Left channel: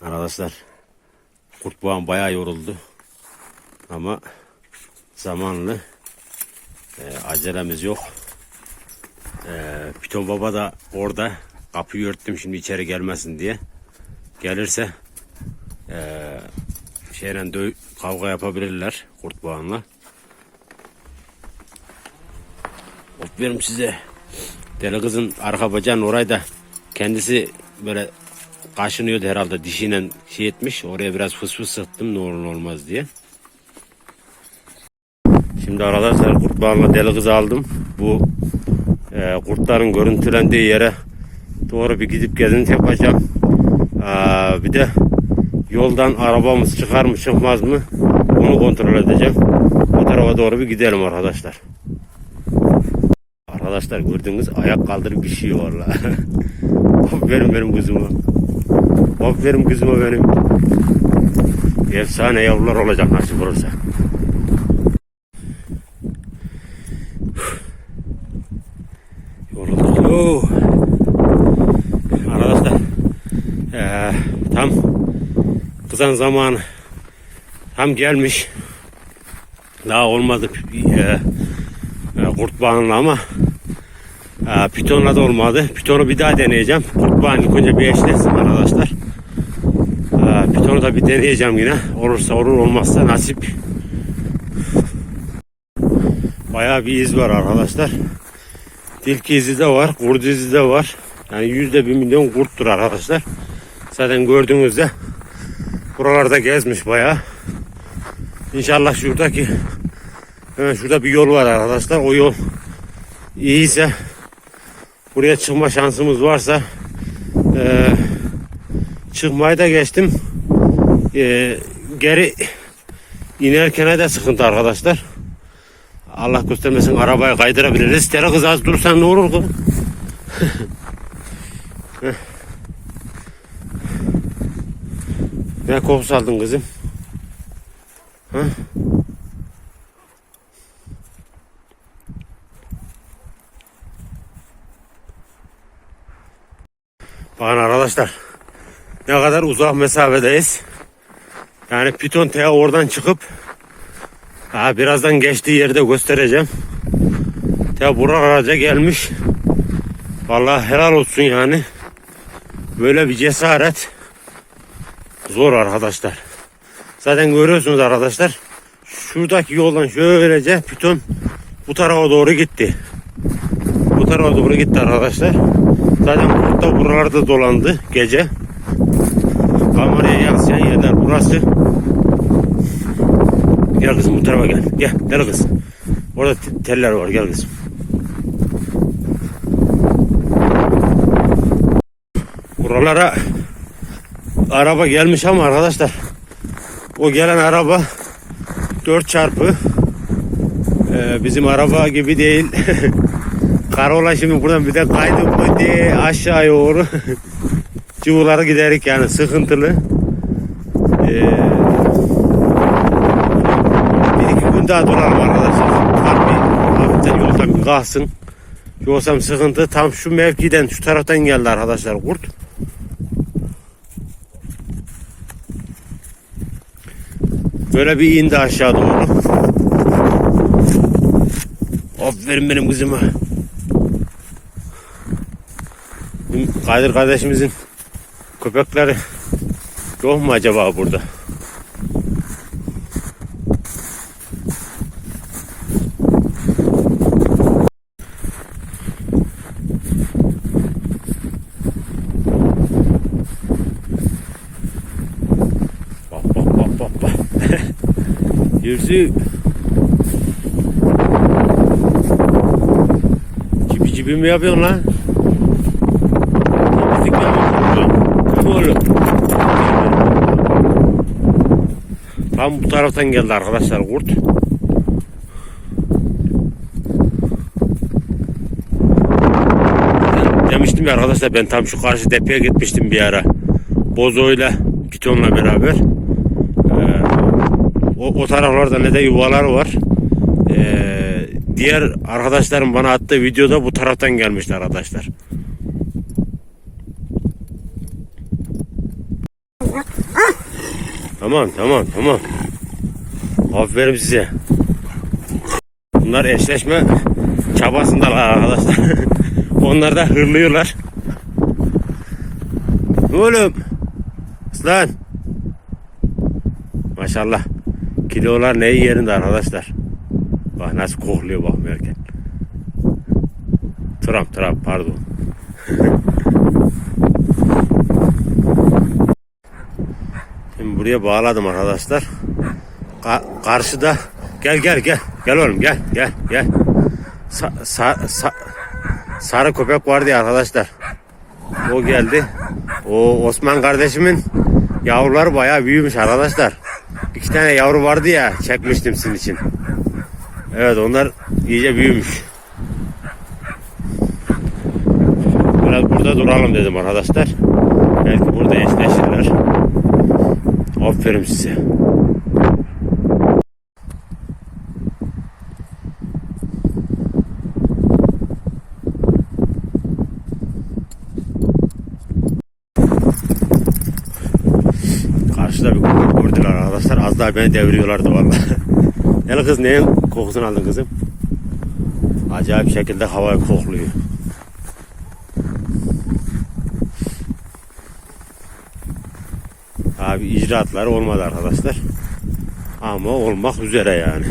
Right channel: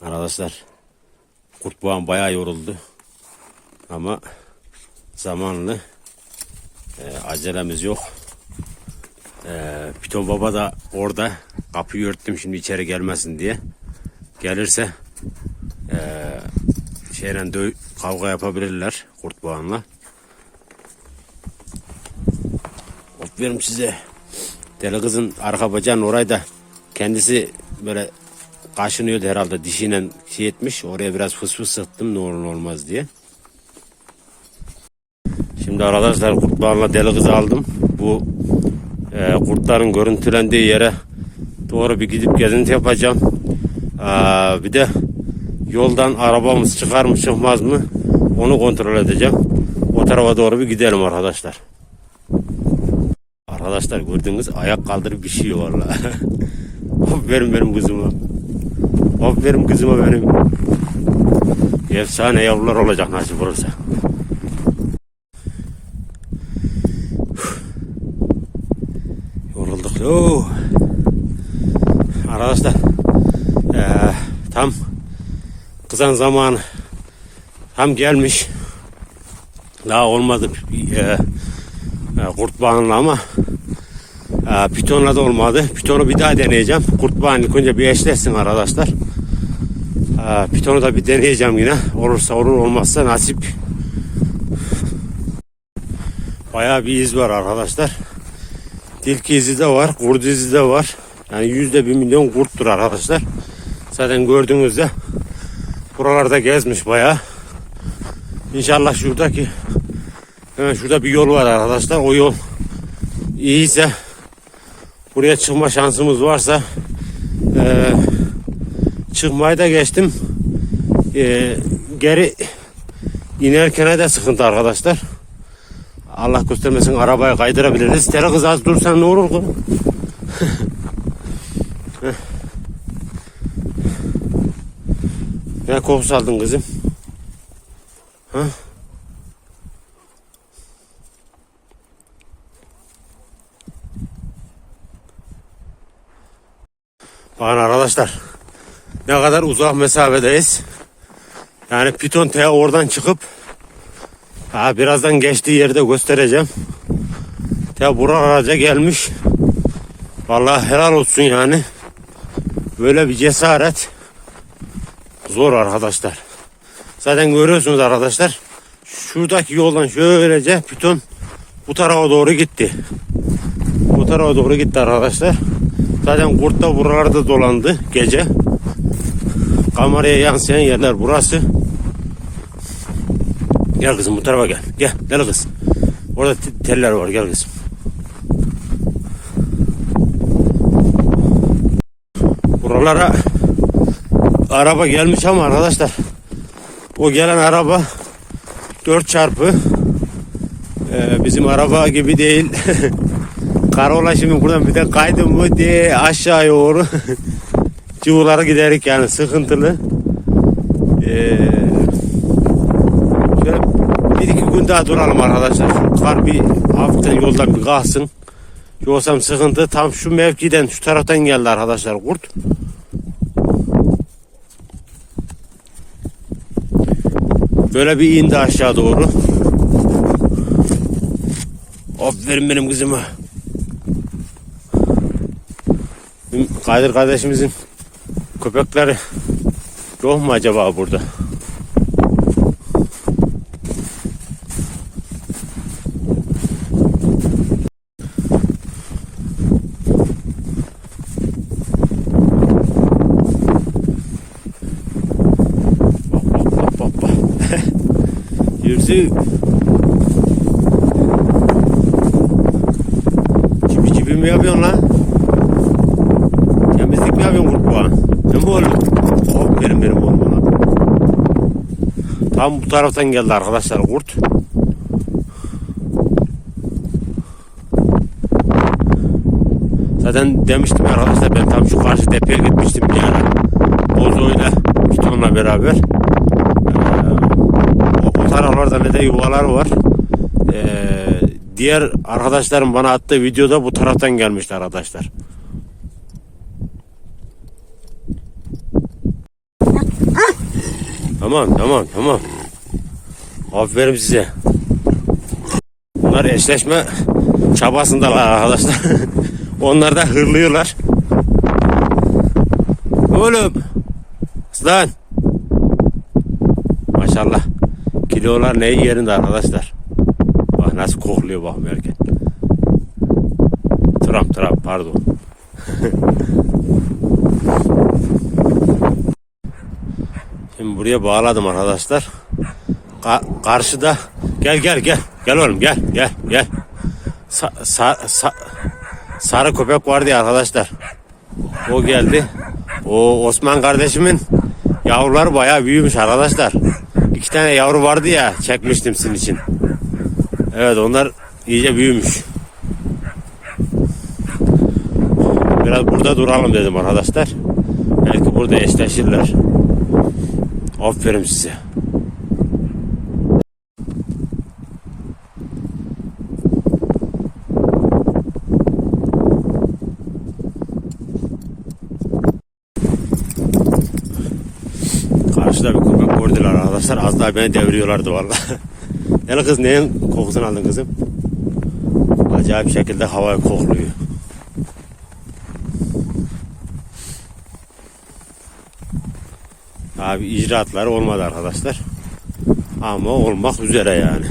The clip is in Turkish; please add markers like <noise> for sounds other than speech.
arkadaşlar. Kurtboğan bayağı yoruldu. Ama zamanlı. Ee, acelemiz yok. Ee, Piton Baba da orada. Kapıyı örttüm şimdi içeri gelmesin diye. Gelirse ee, şeyle kavga yapabilirler kurtboğanla. Aferin size. Deli kızın arka bacağının orayı da kendisi böyle kaşınıyordu herhalde dişiyle şey etmiş. Oraya biraz fıs fıs sıktım ne olur olmaz diye. Şimdi arkadaşlar kurtlarla deli kızı aldım. Bu e, kurtların görüntülendiği yere doğru bir gidip gezinti yapacağım. Aa, bir de yoldan arabamız çıkar mı çıkmaz mı onu kontrol edeceğim. O tarafa doğru bir gidelim arkadaşlar. Arkadaşlar gördüğünüz ayak kaldırıp şey valla. Aferin <laughs> benim kızıma. Aferin kızıma benim. Efsane yavrular olacak nasip olursa. <sighs> Yorulduk. Arkadaşlar eee, tam kızan zamanı tam gelmiş. Daha olmadı e, kurt bağınla ama e, pitonla da olmadı. Pitonu bir daha deneyeceğim. Kurt bağını önce bir eşleşsin arkadaşlar. E, pitonu da bir deneyeceğim yine. Olursa olur olmazsa nasip. Bayağı bir iz var arkadaşlar. Tilki izi de var. Kurt izi de var. Yani yüzde bir milyon kurttur arkadaşlar. Zaten gördüğünüzde buralarda gezmiş bayağı. İnşallah şuradaki Hemen şurada bir yol var arkadaşlar. O yol iyiyse buraya çıkma şansımız varsa e, çıkmayı da geçtim. E, geri inerken de sıkıntı arkadaşlar. Allah göstermesin arabayı kaydırabiliriz. Tere kız az dursan ne olur ki? <laughs> Ne kokusu aldın kızım? Ha? Bakın arkadaşlar ne kadar uzak mesafedeyiz. Yani Piton T oradan çıkıp ha, birazdan geçtiği yerde göstereceğim. T buralara gelmiş. Vallahi helal olsun yani. Böyle bir cesaret zor arkadaşlar. Zaten görüyorsunuz arkadaşlar. Şuradaki yoldan şöylece Piton bu tarafa doğru gitti. Bu tarafa doğru gitti arkadaşlar. Zaten kurt da buralarda dolandı gece. Kameraya yansıyan yerler burası. Gel kızım bu tarafa gel. Gel gel kız. Orada te- teller var gel kızım. Buralara araba gelmiş ama arkadaşlar o gelen araba 4 çarpı Ee, bizim araba gibi değil. <laughs> Karola şimdi buradan bir de kaydı mı diye aşağı doğru <laughs> çubuğlara giderik yani sıkıntılı. Ee, bir iki gün daha duralım arkadaşlar. Kar bir hafiften yoldan bir kalsın. Yoksa sıkıntı tam şu mevkiden şu taraftan geldi arkadaşlar kurt. Böyle bir indi aşağı doğru. Aferin benim kızıma. Bizim Kadir kardeşimizin köpekleri yok mu acaba burada? Yüzü <laughs> Cibi cibi mi yapıyorsun lan? Mi yapıyorsun kurban? Ne bu oğlum? Kurban. Tam bu taraftan geldi arkadaşlar kurt. Zaten demiştim ya arkadaşlar ben tam şu karşı tepeye gitmiştim bir ara. Bozo'yla Piton'la beraber. Ee, o, o taraflarda ne de yuvalar var. Ee, diğer arkadaşlarım bana attığı videoda bu taraftan gelmişler arkadaşlar. Tamam tamam tamam. Aferin size. Bunlar eşleşme çabasındalar arkadaşlar. <laughs> Onlar da hırlıyorlar. Oğlum. Aslan. Maşallah. Kilolar neyi yerinde arkadaşlar. Bak nasıl kokluyor bak erkek. Trump Trump pardon. <laughs> Şimdi buraya bağladım arkadaşlar. Ka- karşıda gel gel gel gel oğlum gel gel gel. Sa- sa- sa- sarı köpek vardı ya arkadaşlar. O geldi. O Osman kardeşimin yavruları bayağı büyümüş arkadaşlar. İki tane yavru vardı ya çekmiştim sizin için. Evet onlar iyice büyümüş. Biraz burada duralım dedim arkadaşlar. Belki burada eşleşirler. Aferin size. Karşıda bir köpek gördüler arkadaşlar. Az daha beni deviriyorlardı vallahi. <laughs> Gel kız neyin kokusunu aldın kızım? Acayip şekilde havayı kokluyor. Abi icraatları olmadı arkadaşlar. Ama olmak üzere yani.